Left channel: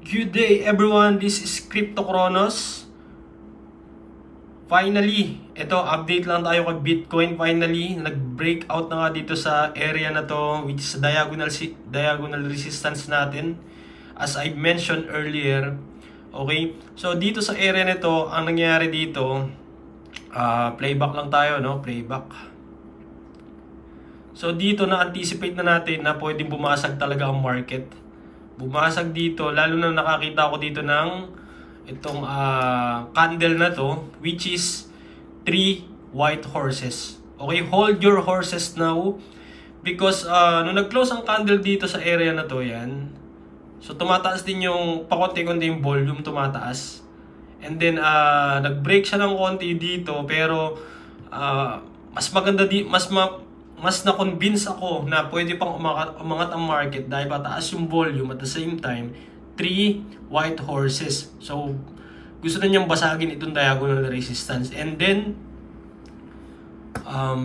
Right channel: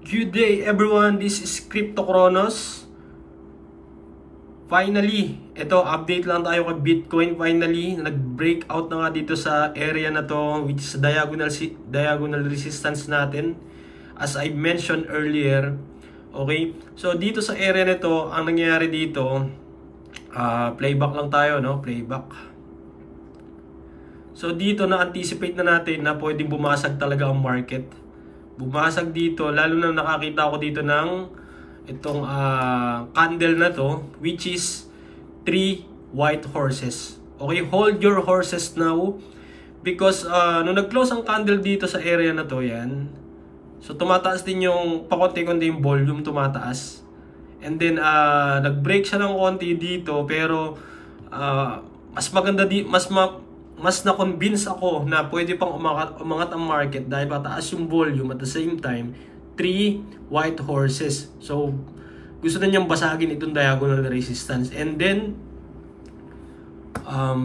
Good day everyone, this is Crypto Kronos. Finally, ito update lang tayo kay Bitcoin. Finally, nag-breakout na nga dito sa area na to, which is diagonal resistance natin, as I mentioned earlier. Okay, so dito sa area nito, ang nangyayari dito, playback lang tayo, no? Playback. So dito na-anticipate na natin na pwedeng bumasag talaga ang market. Bumasag dito, lalo na nakakita ko dito ng itong candle na to, which is 3 white horses. Okay, hold your horses now, because nung nag-close ang candle dito sa area na to, yan, so tumataas din yung pakonti-konti yung volume, tumataas, and then nag-break siya ng konti dito, pero mas maganda mas na-convince ako na pwede pang umangat ang market dahil pataas yung volume, at the same time 3 white horses. So gusto na niyang basagin itong diagonal resistance, and then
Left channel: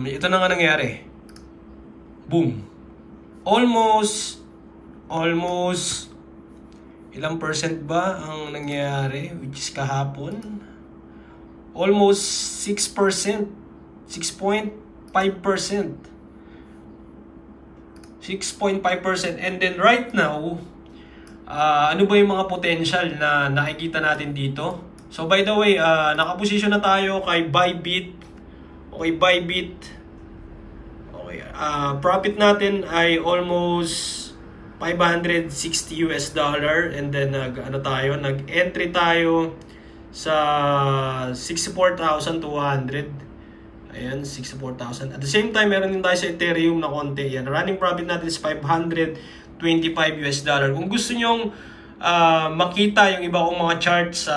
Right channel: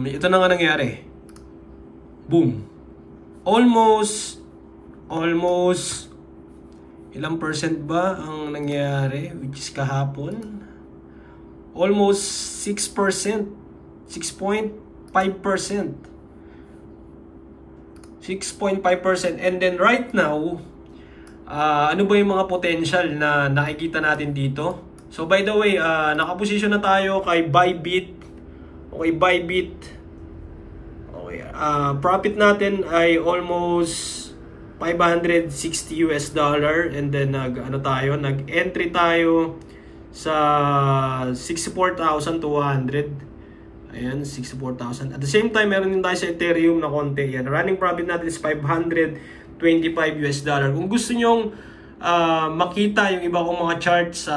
ito na nga nangyari. Boom. Almost ilang percent ba ang nangyari, which is kahapon? Almost 6%, 6.5%. 6.5%. And then right now, ano ba yung mga potential na nakikita natin dito? So by the way, nakaposisyon na tayo kay Bybit. Okay, Bybit. Okay, profit natin ay almost $560 and then nag-entry tayo sa 64,200. Ayan, 64,000. At the same time, meron din tayo sa Ethereum na konti. Yan, running profit natin is $525. Kung gusto nyong makita yung iba kong mga charts,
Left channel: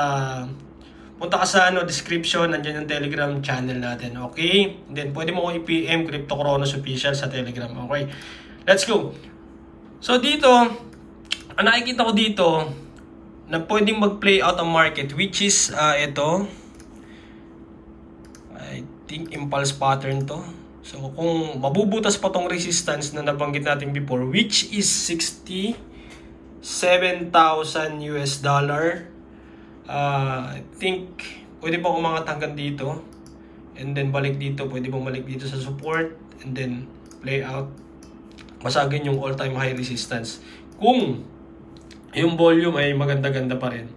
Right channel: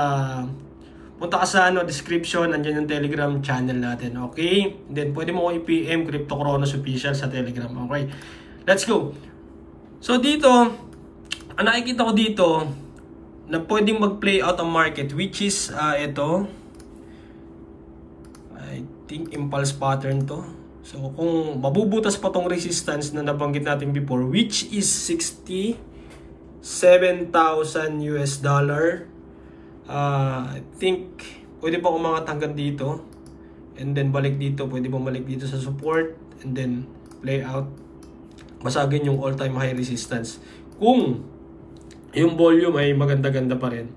punta ka sa description, nandiyan yung Telegram channel natin. Okay? And then, pwede mo ko i-PM Crypto Kronos Official sa Telegram. Okay? Let's go. So, dito, ang nakikita ko dito, na pwedeng mag-play out ang market, which is ito. I think impulse pattern to. So kung mabubutas pa tong resistance na nabanggit natin before, which is $67,000, I think pwede pa umangat hanggang dito, and then balik dito, pwede bumalik dito sa support, and then play out, masagin yung all-time high resistance kung yung volume ay maganda-ganda pa rin.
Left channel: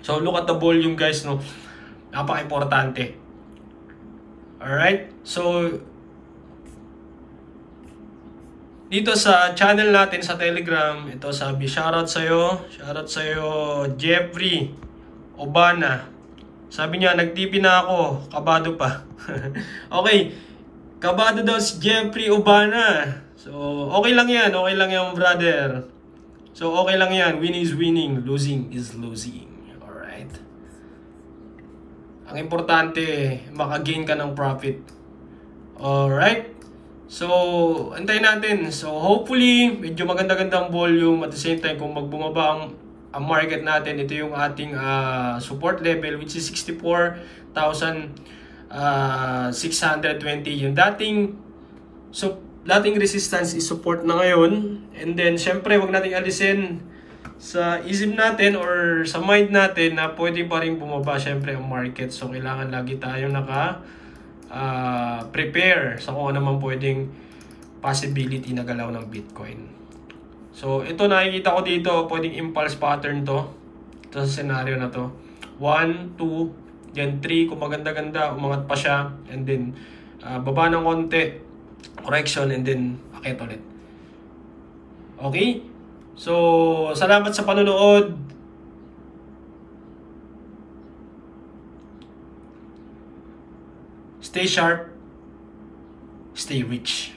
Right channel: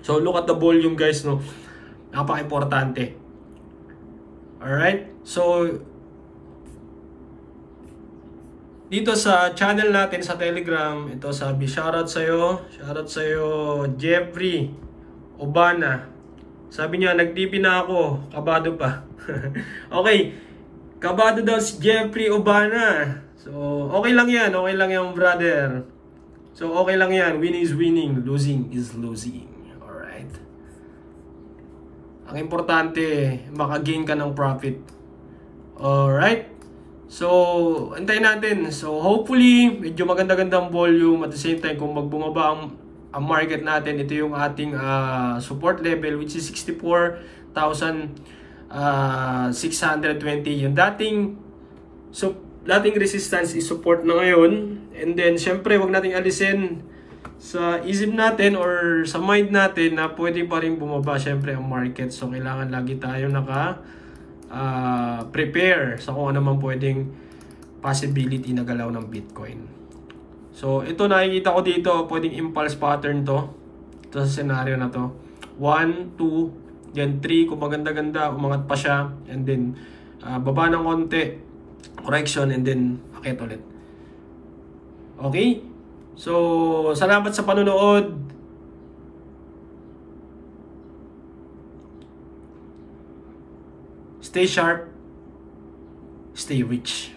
So look at the volume, guys, no? Napaka-importante. Alright, so dito sa channel natin sa Telegram, ito sabi, shoutout sa'yo Jeffrey Obana. Sabi niya, nag-TP na ako, kabado pa. Okay, kabado daw si Jeffrey Obana. So okay lang yan brother. So okay lang yan, winning is winning, losing is losing. Ang importante, maka-gain ka ng profit. Alright? So, antayin natin. So, hopefully, medyo maganda-gandang volume. At the same time, kung magbumaba ang market natin, ito yung ating support level, which is 64,620. Yung dating resistance is support na ngayon. And then, syempre, wag nating alisin sa isip natin or sa mind natin na pwede pa rin bumaba syempre ang market. So kailangan lagi tayo prepare sa kung ano man pwedeng possibility na galaw ng Bitcoin. So ito nakikita ko dito, pwedeng impulse pattern to. Ito sa scenario na to. 1, 2, then 3, kung maganda-ganda, umangat pa siya, and then baba ng konti, correction, and then akit ulit. Okay? So, salamat sa panonood. Stay sharp, stay rich.